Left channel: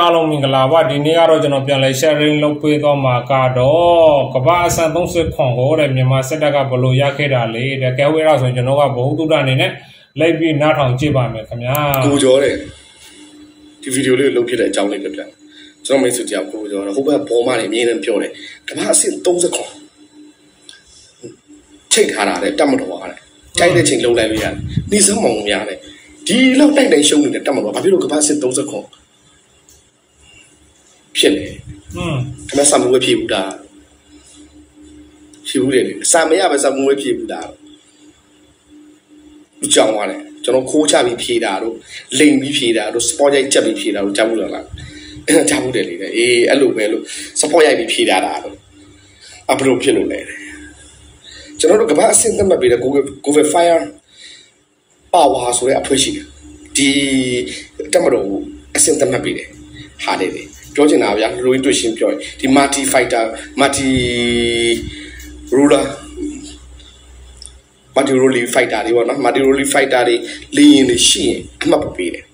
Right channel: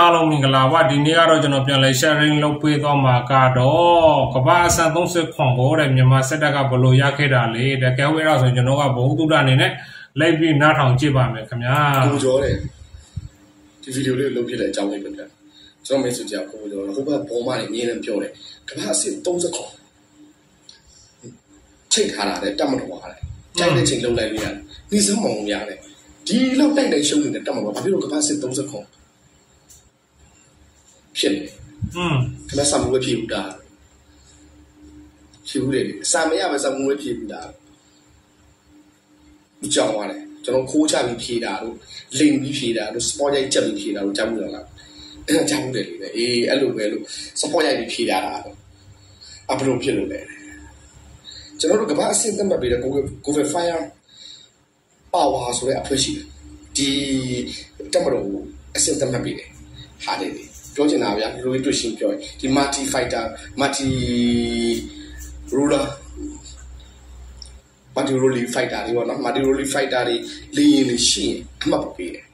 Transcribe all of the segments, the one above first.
အားလုံးမင်္ဂလာပါဒီနေ့ကတော့ကျွန်တော်ပြန်လဲ sharing လုပ်ပေးသွားမှာကတော့ကမ္ဘာအဆန်30ခွန်ကိုတဲ့မြန်မာစစ်တပ်ကဘလို့ရခဲ့တာလေတကယ်ဝဲတော့ဆိုကျွန်တော်ကဘုံတုဒ္ဒအနေနဲ့လိုက်ပြီးနားထောင်ကြည့်ပါမယ်ခင်ဗျာကိုကျော်တဲ့ဒီဗီဒီယိုလေးလုပ်ဖြစ်တဲ့အကြောင်းလေးပြပြကျွန်တော်မိတ်ဆွေကြောင့်ကိုကျော်တော့ဟိုဘက်ဘောမနေအမြင်နဲ့ပြောတယ်ကမ္ဘာအဆန်30ခွန်ချိတ်ထားတာတဲ့တတ်မတော်ပါတဲ့ကြိုက်တဲ့ချိန်လုံးလိုက်လို့ရတယ်နေစမောင်များတဲ့ဒီလောက်တိုက်တိုင်းရှုံးနေတဲ့တတ်မတော်ဘာဖြစ်လို့ကမ္ဘာအဆန်30ခွန်ဖြစ်နေခမဆာမွေးဖြစ်ဘူးဒါဖြစ်ဘူးလေစာမရပဲစာမွေးဖြစ်ဘူးဒါကြောင်သွားတယ်ကျွန်တော်ခိုးချပြီးဖြေတာတို့လိန်ပြီးဖြေတာတို့စပေါ်ရိုက်ချက်ပြီးဖြေတာတို့ကြားဘူးလားကြားဘူးတယ်လေအေးအဲ့လိုပဲလို့စပေါ်ရိုက်ပြီးဖြေတာတို့အဘလို့ဖြစ်လို့လဲကျွန်တော်တို့ကဘာအဆင့်သတ်မှတ်ပြီးတဲ့ Google Fire Power ဆိုတဲ့အဖွဲရှိတယ်ဒီတက်မတော်အဆင့်သတ်မှတ်ပြီးတယ်ဟာတယ်ပြောချင်တာဗျာလူရင်းတွေ့ရှင်းပြောရင်ဒီ multi fighter multi ruler multi role fighter တွေပေါ့နော် multi role fighter တွေလင်းရင်ရှိရင်အမှတ်ပေးတယ်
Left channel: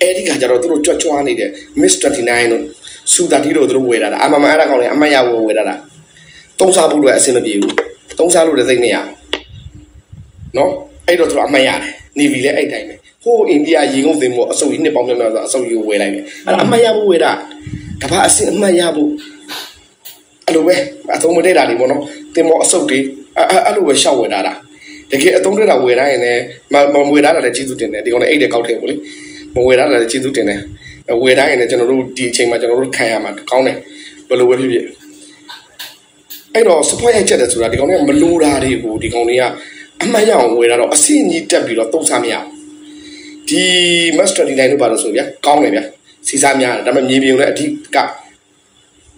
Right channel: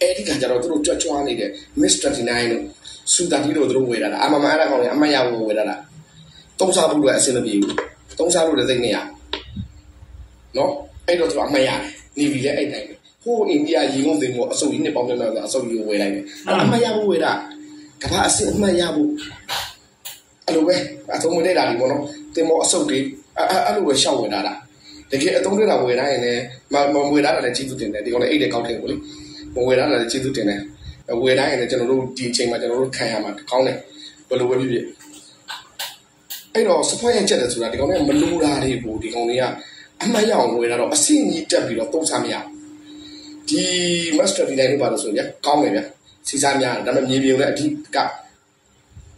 အဲ့ဒီကကြတော့သူတို့ကြွကြွားနေတဲ့ Miss 29တို့စူတာတီတို့သူတို့ဝယ်လာတာအမှန်မှန်အဲ့ဒါကောင်တွေအမှတ်ရဝယ်လာတာသုံးစားဖို့အတွက်အဆင်မပြေဘူးသုံးစားလို့လည်းသိနေရနော်အဲ့တော့သူတို့အမှတ်ရတယ်နေပြီလဲအဲ့တိုင်းပဲဟိုအိန္ဒိယရေငုံသင်္ဘောအစုပ်ကြီးနှစ်ပေါင်းများစွာအစုပ်ကြီးကိုဝယ်လိုက်တယ်အဲ့အမှတ်ရဖို့ဝယ်တာကဘာအစင်အမှတ်ရဖို့အဲ့လိုပဲအသုံးမတည့်တာတွေပေါ့နော်သင်္ဘောအစုပ်တွေအဲ့လိုပဲရှောက်ဝယ်တာတကယ်အသုံးတည့်တာဝယ်တိုင်းရင်လည်းမဝယ်တာလည်းကျေးဇူးတင်တယ်ဒီကောင်လည်းအိတ်တဲ့ကောက်ထဲပေါ့လေမဝယ်တာလည်းကျေးဇူးတင်တယ်ဝယ်တိုင်းရင်လည်းကျွန်တော်တို့ဒီအချိန်မှာကျွန်တော်တို့ခံရမှာကောင်းတယ်ဘယ်လိုပဲဖြစ်ဖြစ်အဲ့တော့ support ရိုက်ချက်တယ်ဆိုတာဒီကောင်တွေကမလိုတာတွေကိုဒီကောင်တွေကအမှတ်ရအောင်ဝယ်တာတော့အစင်ကြီးတက်ပြီးတော့သုံးစားမရဒီ master 29လို့ပါလို့ဆိုဗျာကောင်းတယ်ဗျာစီစားများတယ်ဒါပေမဲ့မြေပြင်လည်းအဓိက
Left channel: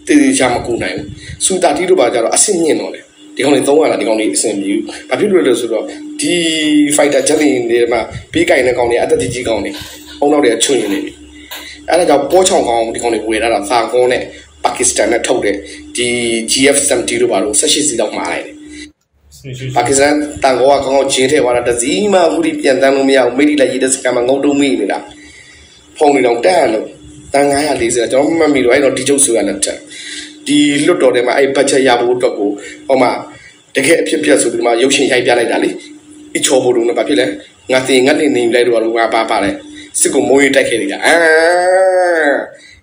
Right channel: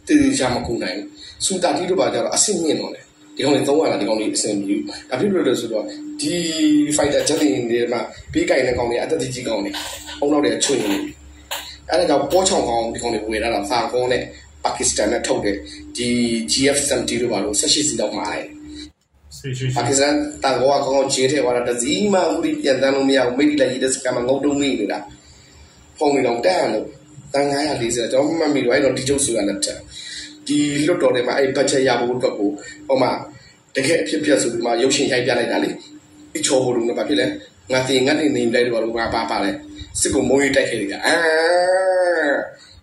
တည်တည်ချာမကူနိုင်ဘူးစူတာတီတို့ပါကြတော့အဆင့်မြင့်တော့တယ်ဒီကောင်တွေသုံးရတာဒီကောင်တွေအဆင့်မြင့်ဘာဖြစ်လို့လဲဆိုတော့ဒီ fighter jet တွေမှာပေးကင်တဲ့ကောင်တွေအသက်ကြီးကောင်တွေအုံနောက်တွေချွင်နေပြီအဲ့ဒါကြောင့်ပေါ်ချောင်းကောင်ဒီကောင်တွေဝယ်လာတာသာကုန်းနဲ့ပါကစ္စတန်နဲ့ထုတ်တဲ့ဒီ GF70 တို့ပါလို့18စီလောက်မှာလိုက်တယ်ပါကစ္စတန်တန်ကောကကောင်းချင်းထဲသွားတာတစည်းမှအခုဒီပြန်တန်းလို့မရဘူးမိတိလိုက်ရတဲ့စကံမှာငုံတုံးမိနေတာဖုန်းတွေတော့တက်လို့တန်940ကျွန်တော်မှတ်မိလို့အဲ့တော့ဒီကျုပ်ဆိုရလက်တက်ဒီလွတ်တော်ထဲမှာအဲ့ဘတ်ဂျက်ရဖို့အတွက်ကိုဟောမှာတကယ်အဖြစ်ပြက်ဆိုပြီးမှရုပ်ရှင်ရိုက်ပြလိုက်တာလေအချောဖို့လို့ဘာဖြစ်လဲငါတင်ငါနေနေလိုက်တော့ငါပါလဲစစ်ကိုမိုးရေးတိုက်ခဲ့နေတာ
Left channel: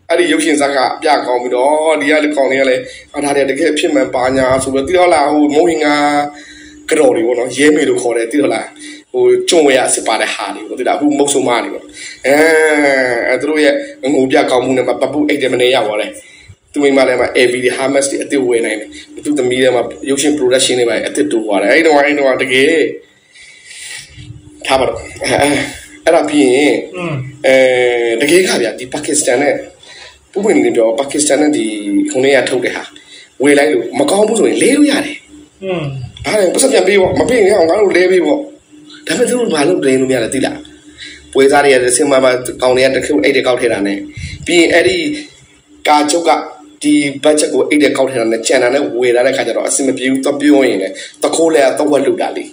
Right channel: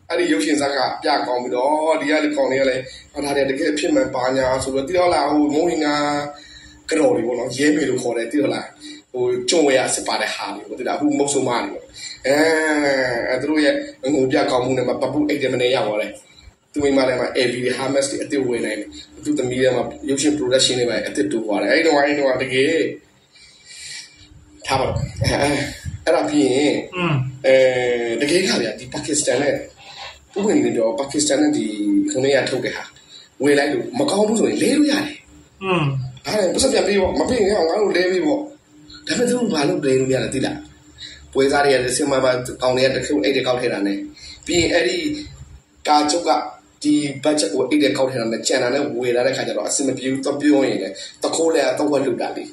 အဲ့ဒီရုပ်ရှင်ဇာတ်ကအပြကောင်းပြီးတော့ဒီကလည်းကောင်းနေရလဲဒါတကယ်အဖြစ်မှန်ပါညာဆိုပြီးသိတော့လားဟိုမိုးရင်ငါကြော်တွေပေါ့နော်ရဲမေလို့ခေါ်တယ်သိတော့လားဟိုကျုံဝဲရစစ်ပါတဲ့ဟာတွေပေါ့သိလားအခုမုတ်ဆုံမနေပေါ့သူတို့ရဲ့ငိုပြကောင်းမှုနဲ့ပပူအိတ်တယ်မနေရပါလဲသူမိမလည်းမှာ AV တွေ Hamas တွေအစ်စ်ဝယ်နိုင်တယ်သူသမီးတွေမှာရုပ်ရှင် production တွေပါအစ်စ်တူသွားတယ်အဲ့တော့တကယ်ထားပါတော့အဲ့ဒါပြီးရင်တကယ်ကဗျာဒီပါကစ္စတန်နဲ့ပုပ်ဝင်နေပြောပါကစ္စတန်နဲ့ဒီခုနေရထုတ်တဲ့ဟာဝယ်လိုက်လို့မကောင်းဘူးဆိုရင်လဲလို့ရတယ်အဲ့ဒါပတ်စံပြန်ပေးပေါ့မပေးရင်ငါတို့လဲပေးပေါ့ဒါပေမဲ့သူတို့ဘာလို့လဲလို့မရလဲသိလားပွဲစားတွေရစင်မကောင်းတွေကတခုအိတ်တွေကောက်ထဲတာနဲ့ပြီးရင်အဲ့ဒီကာချုပ်ကဒီ budget ကိုအိတ်တွေကောက်ထဲတာနဲ့ကျန်တာနဲ့ဝယ်လာတဲ့ခါကျတော့အစင်မပြေဘူးတော့ပြောရင်လေတခိုးလဲတော့ဝက်လုပ်တာလေ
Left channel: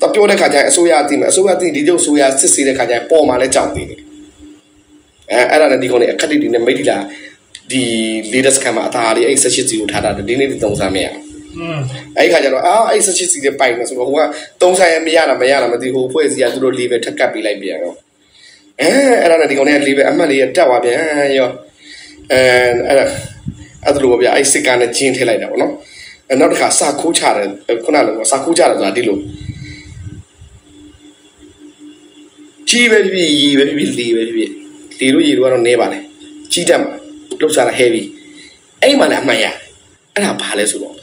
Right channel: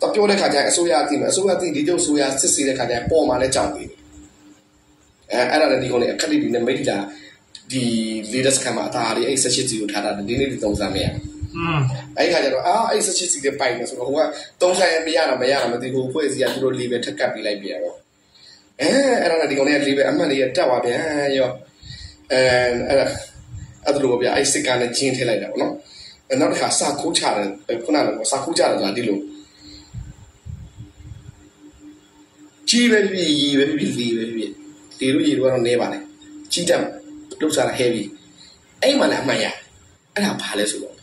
တော့ပြောတဲ့ခါကျရင်အစိုးရအသိမယ်အစိုးရအသိဒီကျုပ်အစိုးရစစ်ဆေးတဲ့ခါကျရင်ပေါ်မှာလဲကြောင်သေးတယ်အဲ့ဒါနဲ့ဒီကောင်တွေအခက်တွေနဲ့မိတ်တီလာဒီ latest ကမှာအသားလေးအဲ့18စီကိုထားတာဒီနေ့ဒီသုံးစားမရအဲ့ခါကျတော့အဲ့18စီတွေပိုင်နေဆိုတော့ဟိုကသုံးစားရမရတာမသိဘူးဖွဲ့စီကသူတို့ level ထပ်ကပ်ပေးလိုက်ပြန်တော့အဲ့ဒါနဲ့ဒီကောင်တွေက level အမှတ်လေးတက်သွားပြန်ရောအဲ့ဒါလိုဗျာအဲ့စစ်ကနဲ့ဂျင်းထည့်လိုက်တာပေါ့နော်နောက်တစ်ခါစာခိုးချတယ်ခုနကစာခိုးချတယ်ဆိုတာဒီလိုကြီးပဲဖြစ်ရေပဲဖြစ်လေပဲဖြစ်လေလို့ရေတို့ကတော့နဲပါလေကြီးတက်မှာလှုပ်ရှားတာ heavy အဲ့မှလည်းအမှန်ရအဲ့ဒါဘာလဲဆိုတော့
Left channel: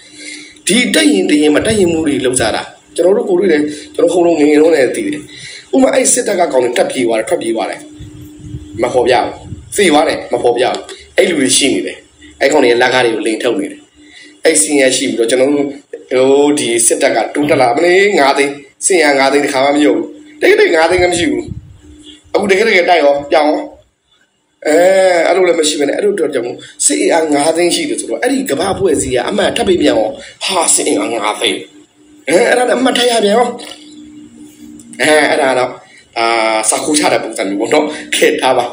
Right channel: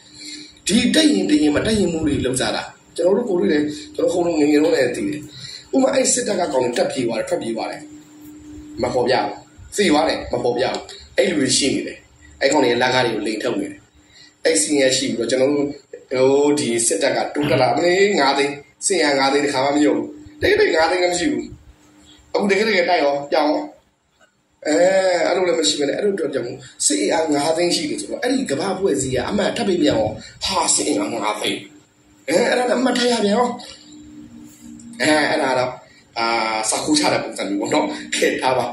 ဒီတက်ရင်တင်ရင်မတက်ရင်မှုတွေလှုပ်ရှားတာကျွန်တော်တို့ကိုတွေ့တယ်ကျွန်တော်ခုံလုံးငငယ်လုံးနဲ့တည်တယ်ဥမာအဲ့စစ်တပ်ကကောင်းတယ်တက်ပြေးသွားတယ်ထွက်ပြေးသွားတယ်မဖော်ပြဘူးစီသွားတယ်မဖော်ပြဘူးအဲ့လူတွေရှိနေတယ်အဲ့ကောင်တွေလက်ကားတွေကိုလိန်ထုတ်နေတယ်အဲ့စီရရှိပြီးတော့ကျွန်တော်တို့ဟိုဒီစစ်တပ်ကတိုးတက်လာမလေး9သိန်းစင်ရ9သိန်းတခါမှမယုံတိတ်9သိန်းကမရှိဘူးအခုတကယ်တိုက်ရောပြောင်းအဲ့လိုလည်းမရှိဘဲနဲ့အဲ့လိုတော့ကြောင့်စစ်အား9သိန်းရှိတယ်ဆိုတော့အဲ့ဒီကဘာဖွဲ့စည်းကအမှတ်ထပ်ပြီးပြန်အောင်ဟာစစ်အား9သိန်းအဲ့ဒါလည်းအမှတ်ထပ်ရပြန်အောင်အဲ့ဒါတော့စာခိုးချတဲ့ပုံစံမျိုးပေါ့နော်ခဲ့ထားပါ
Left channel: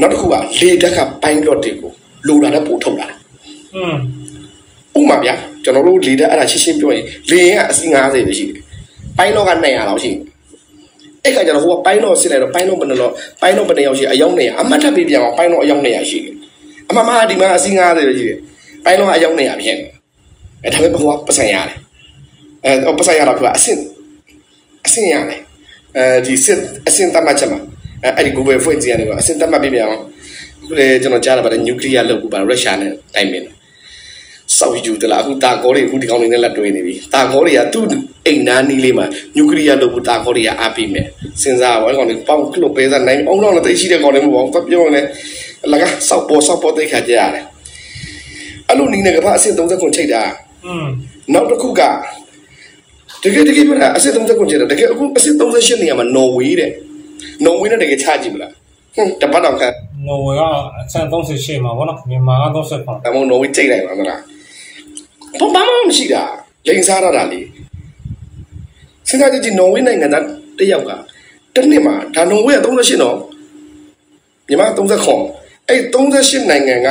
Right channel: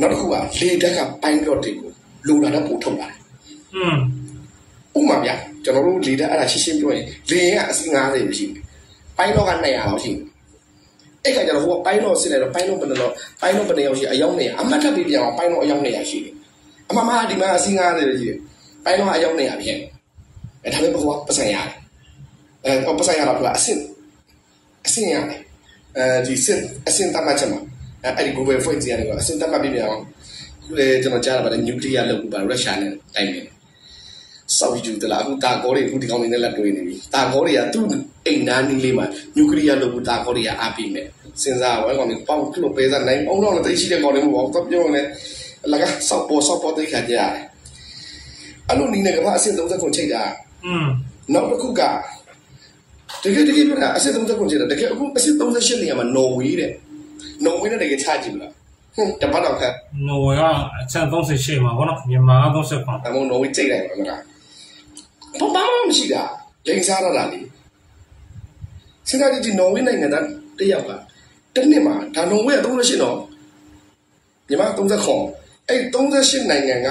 နောက်တစ်ခုကလေတက်ကပိုင်းတော့တက်ကိုလိုလာတဲ့ပို့ထုတ်လာဥမာဗျာကျွန်တော်တို့လေတက်အဲ့ဒါရှင်းပြောရင်လေရင်ကအစီ50ပဲရှိတယ်ပိုင်းတော့က200လောက်ရှိတယ်အဲ့ကကျတော့ဟိုကပိုင်းတော့စစ်လိုက်တော့ပိုင်းတော့ဘယ်နှရောက်ရှိအယောက်200အမှတ်ထပ်ပြီးပြန်အောင်ပိုင်းတော့အယောက်200ရှိတယ်အမှန်မှန်ဒီမှာအစီ50ပဲရှိတယ်ပိုင်းတော့အယောက်200ဖြစ်တယ်ဒါပေမဲ့ဟိုကပတ်စံရတယ်ပတ်စံရတာကအဆင့်ရတယ်ဒီစစ်အဆင့်တတ်မှတ်ချက်မှာအဲ့ဒီ Google ဖွင့်ကြည့်ရတယ်ကအဆင့်တတ်မှတ်ပြီးပြန်အောင်ခုလေကျွန်တော်ကြားလာပါတယ်နျူကလ িয়ার လုပ်ပါရုရှားနဲ့တိုင်ပင်စောက်ယူတလားအခုတာကောတွေအခုဒီကောင်းနေနဲ့လက်တွေ့နေပြီတာကောတွေကသူ့အိမ်နားနီးလေးမှာနျူကလ িয়ার လုပ်ဖို့တာကောတွေကအားပေးမယ်စဉ်းစားပါအဲ့ကောင်တွေပေါက်ကလုတ်ပေးစားနိုင်အောင်တော့လည်းရှိတဲ့ကောင်တွေမဟုတ်ဘူးပြောနေလကစောက်ပေါ်တိတ်ခါကြရတယ်အဲ့လိုနီးနေကဘာအဆင့်30ခုချိန်တာနောက်တစ်ခုကတကယ်ပြတာအဆင့်30ခုချိန်တာတကယ်အခုအဆင့်38နေရာမှာနော်ဝေးတဲ့နော်ဝေးနဲ့တကယ်ချကြည့်မလားတပတ်တော့ခါနော်ဝေးကအဆင့်38မှာဗောနော်မြန်မာက30ခုအမောနော်ဝေးချိန်လိုက်ပါမလားဘာမှမရှိတာလိန်စားရတာလေစဉ်းစားကြည့်နော်ဝေးနိုင်ငံသားတယောက်ကတစ်နှစ်မှာဒါနော်ဝေးက38နော်မြန်မာ30ခုအဲ့38နိုင်ငံက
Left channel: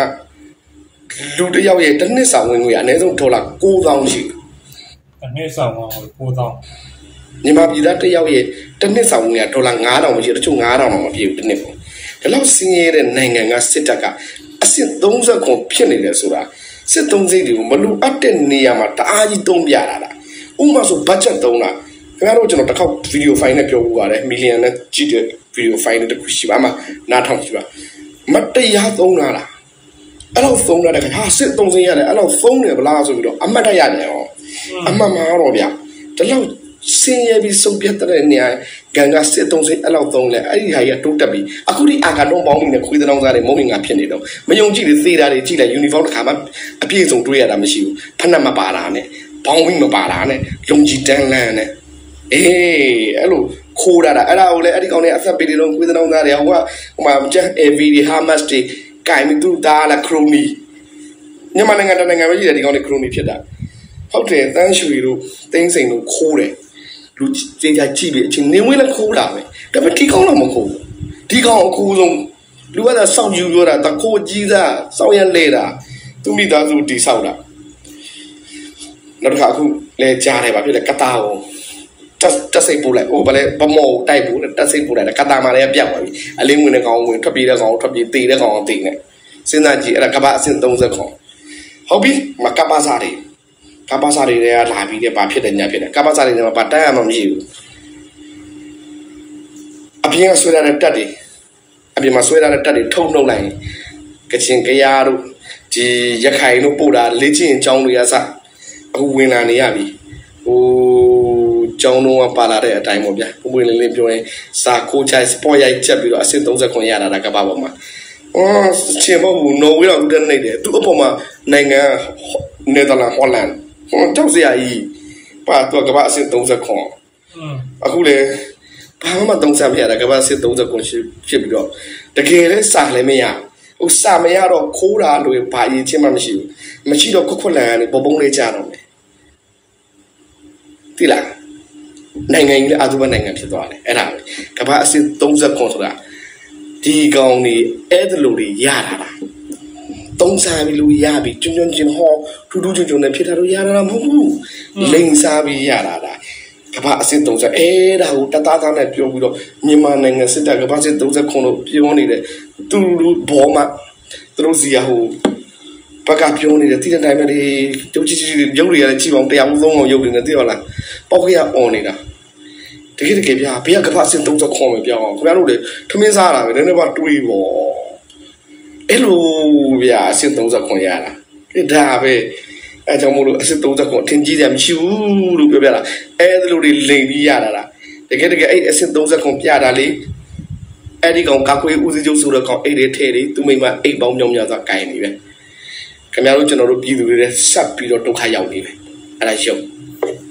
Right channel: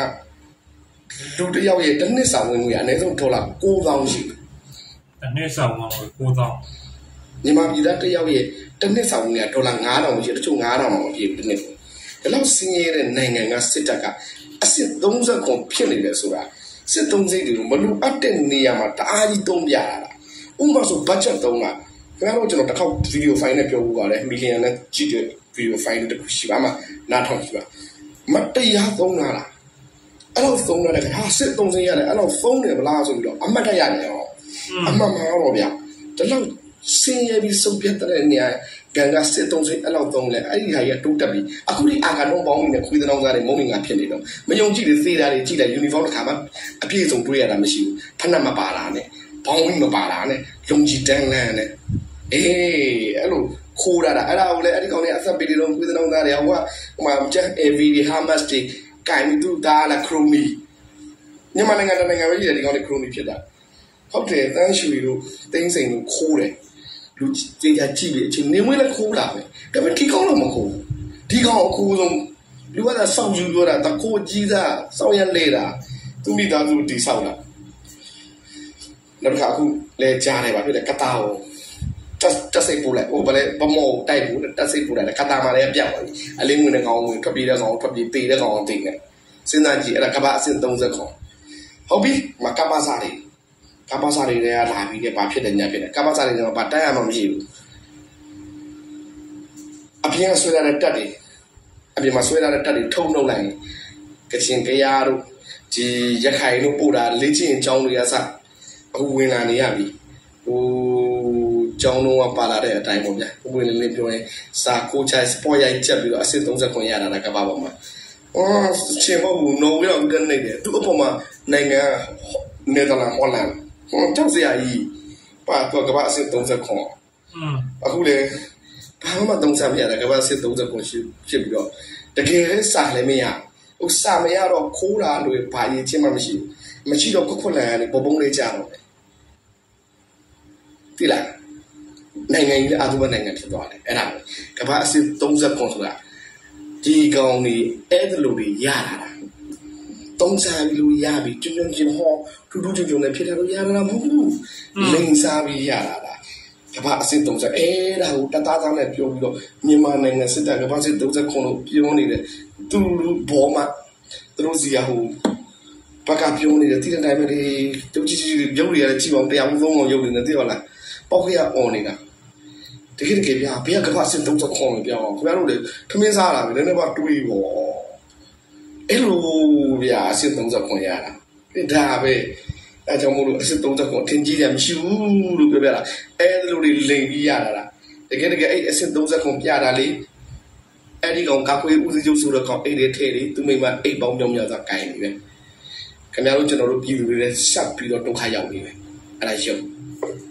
လူတယောက်ရဲ့တစ်နှစ်ဆောင်ဝင်ငွေအနည်းဆုံးဒေါ်လာ9000ရှိတစ်နှစ်ဆောင်ဝင်ငွေ9000မြန်မာပြည်သားတယောက်ရဲ့တစ်နှစ်ဆောင်ဝင်ငွေဒေါ်လာ9000မရှိတချို့9000တော့မပြည့်ဘူးတစ်နှစ်ပေါ့ဒါလောက်စင်းရဲတဲ့နိုင်ငံကစစ်တပ်ကအစစ်30ခုဖြစ်နေတယ်ဆိုတာစစ်သုံးစိတ်တွေကိုမလူအပ်တဲ့နေရာမှာတအားကြီးသုံးပြတာလားဥပမာဆိုဘတ်ဂျက်သုံးတာခင်ဗျားတို့ကျွန်တော်တစ်ခေါက်ဗီဒီယိုဖိုင်နဲ့ပြောပြပါတယ်မီလီယံနဲ့ကြည့်တဲ့ဗီဒီယိုဖိုင်တစ်ခုရှိပါမှာနားထောင်ကြည့်ပါမတရားသုံးတာလားအဲ့လိုသုံးရတဲ့ခါစစ်သုံးစိတ်ရတယ်အဲ့လိုသုံးတယ်ဗလားဆိုပြီးတော့အမှတ်တရနေအောင်အမှန်မှာတော့ဗျာတလောက်စင်ရပြီးစုပ်ပြတ်တဲ့နေရာဂန်ကစစ်သုံးစိတ်အဲ့လိုသုံးလဲအဲ့ဒီဟာကြီးတိုးတက်ပြီးအခုဒီအာကတော့ပေါင်းနေတဲ့ခွေးတောင်စားတဲ့မုံမင်္ဂဖြစ်နေတော့မယုံကြည်တဲ့သေတာတွေကြည့်လိုက်ယူနီဖောင်းတစ်ခါမှအပြည့်စုံတွေ့ရတာမရှိဘူးဖက်နှက်မပါတာနဲ့ဘောင်းဝင်းမပါတာနဲ့ယုံကြည်တန်းလန်းနဲ့အေးအဲ့လိုခိုးတာအဲ့ဒါကိုလည်းအဲ့ဒီကောင်တွေအသက်ပေးတယ်လို့ခွေးတောင်စားတယ်ဟိုမှာကျန် AV တွေ Hamas တွေကိုင်မတူတာလားခရိုနီမြန်မာနိုင်ငံတနိုင်ငံပဲရှိတယ်ဒီကောင်တွေခရိုနီဖြစ်တာဟုတ်တယ်တန်းရွှေတို့တင်းစိန်တို့ခိုးတယ်လူကြေးကြကြည့်ပြီးအချင်းနေဝင်လည်းခိုးတာပဲဒါပေမဲ့ဒီကောင်တော့မခိုးဘူးဒီကောင်အခိုးဆုံးလူကစောက်ယူပြောတာတခိုးကြီးစားစောက်ရလဲတာသူမိသားစုတီဆောက်တာနောက်တစ်ခါအခုလဲကြားတယ်ဗာဖြစ်လဲကတာကိုတက်စိတ်ပို့လိုက်ဟိုဗလဲဗမောတိုက်ပို့တက်စိတ်ပို့လိုက်ကတာမာလည်းပြတ်သွားပြီအလင်းဝင်တဲ့ကောင်ဝင်ထွက်ပြေးတဲ့ကောင်ထွက်ပြေးတေးတဲ့ကောင်တေးနေစဉ်းစားကြည့်အဲ့ဒါကဘာအဆင့်30ခေါ်ဟုတ်ပြီမကပါစားတယ်ကပါစားတွေကလာပြီးတဲ့ဘာဖြစ်တယ်ညာဖြစ်တယ်ကပါစားတွေမှာဘာတန်းရမှမရှိဘူးအပြင်ဆွဲရတဲ့တက်တွေအပြင်မှာဆွဲရတဲ့တက်တွေထုံနှုတ်လိုက်ကချင်ကရတို့ဒီရခိုင်တို့ပို့တာလေ့ကျင့်အကြောင်းတွေကစအခုဝင်လာနေရပြီဟိုကျောင်းတော့ပါလာတဲ့အတိုင်းပေါ့ဗျာပုံပွင့်လေးပြောရင်စာကိုချိုင်စပေါ်ရိုက်ချက်ပြီးတော့အဆင့်30ခွန်ရတာကဘာပေါ်မှာချေမဘူးနော်ဝေးတော့ဦးတဲ့နေတယ်သူအပေါ်မှာနိုင်ငံနယ်သာလန်ဟောလန်တောက်စရာကြီးပါတော့ကဘာအဆင့်30ခွန်အခုလေဘာမှ30မရတာကဘာအဆင့်30ခွန်ဖြစ်ပြီးတော့တကယ်လဲစာလည်းမရဥစာမရတော့ခိုးတာလို့ဘာအရေးချင်းမှမရှိဘူးမရှိတော့ခွလန်ကနေပုံပုံလေးကြတော့မယ်တိလားနိုင်ငံကြီးလည်းအတူပဲနိုင်ငံဖြစ်သွားတယ်အဲ့ဒါပဲကမ္ဘာအဆင့်30ခွန်ဆိုတာဒီကောင်တွေအဲ့ဒါလိုတွေရတာလားသုံးစားပြီးလို့ရပြီကျွန်းချင်းဟောထူးထူးချွန်ချွန်နဲ့ဖြစ်တာလို့ရတာမဟုတ်ဘူးလိန်စားပြီးရတာလားကမ္ဘာအဆင့်30အဲ့ဒါကိုတသားသားနဲ့ပြောပြီးတော့မြန်မာနိုင်ငံစစ်တပ်ကမ္ဘာအဆင့်30ခွန်လို့ပြောနေတယ်သူတို့ဘောမှာသူတို့စီရဟိုဘက်ကပြောနေတယ်တိတဲ့တိုင်းပဲဒီရုပ်ကြီးရုပ်တွေရတယ်ကြည့်အောင်တရားမှုသုံးအောင်ရုပ်တွေနဲ့သိရလားပေါက်ခရအော်နေတာတကယ်ပြဘေးကကဖအဆင့်30ခွန်ပဲပြောအောင်ခင်ဗျားတို့လေထမင်းစားတာပဲနည်းနည်းပါတွေးပေါ့အဲ့လိုဗျာအဆင့်30ခွန်ရတာဒါပဲအဲကြောင့်မို့လို့အဆင့်30ခွန်ထင်ကြီးတယ်မရှိဘူးလို့ပြောပြတာအဲ့ဒါလိုတွေလိန်ပြီးရတာလားတကယ်အဲ့အဆင့်30ခွန်ပြတာလေအဲ့ဒီကောင်ကာကွယ်ဦးစီးချုပ်ဆိုတော့ကောင်အဲ့ဒီထဲတွေသူမိမအိတ်ပေါင်းမြောင်းများစွာကိုင်နေပဲခင်ဗျားတို့ကျွန်တော်တို့ပြည်သူတွေလည်းဆက်ပြီးတော့ဒုက္ခရောက်နေပဲအဲ့ဒါရှုပ်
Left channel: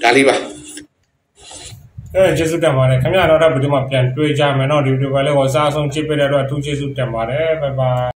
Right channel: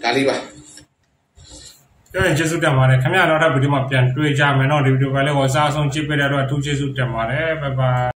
ဒါလေးပါကျေးဇူးတင်ပါတယ်ခင်ဗျားတော့ဗီဒီယိုမှာပြန်တွေ့ကြမယ်เนาะဒီဗီဒီယိုကလည်းဝါစားဆုံးချစ်ပေးတဲ့အတွက်အထူးကျေးဇူးတင်ပါတယ်ဘိုင်ဘိုင်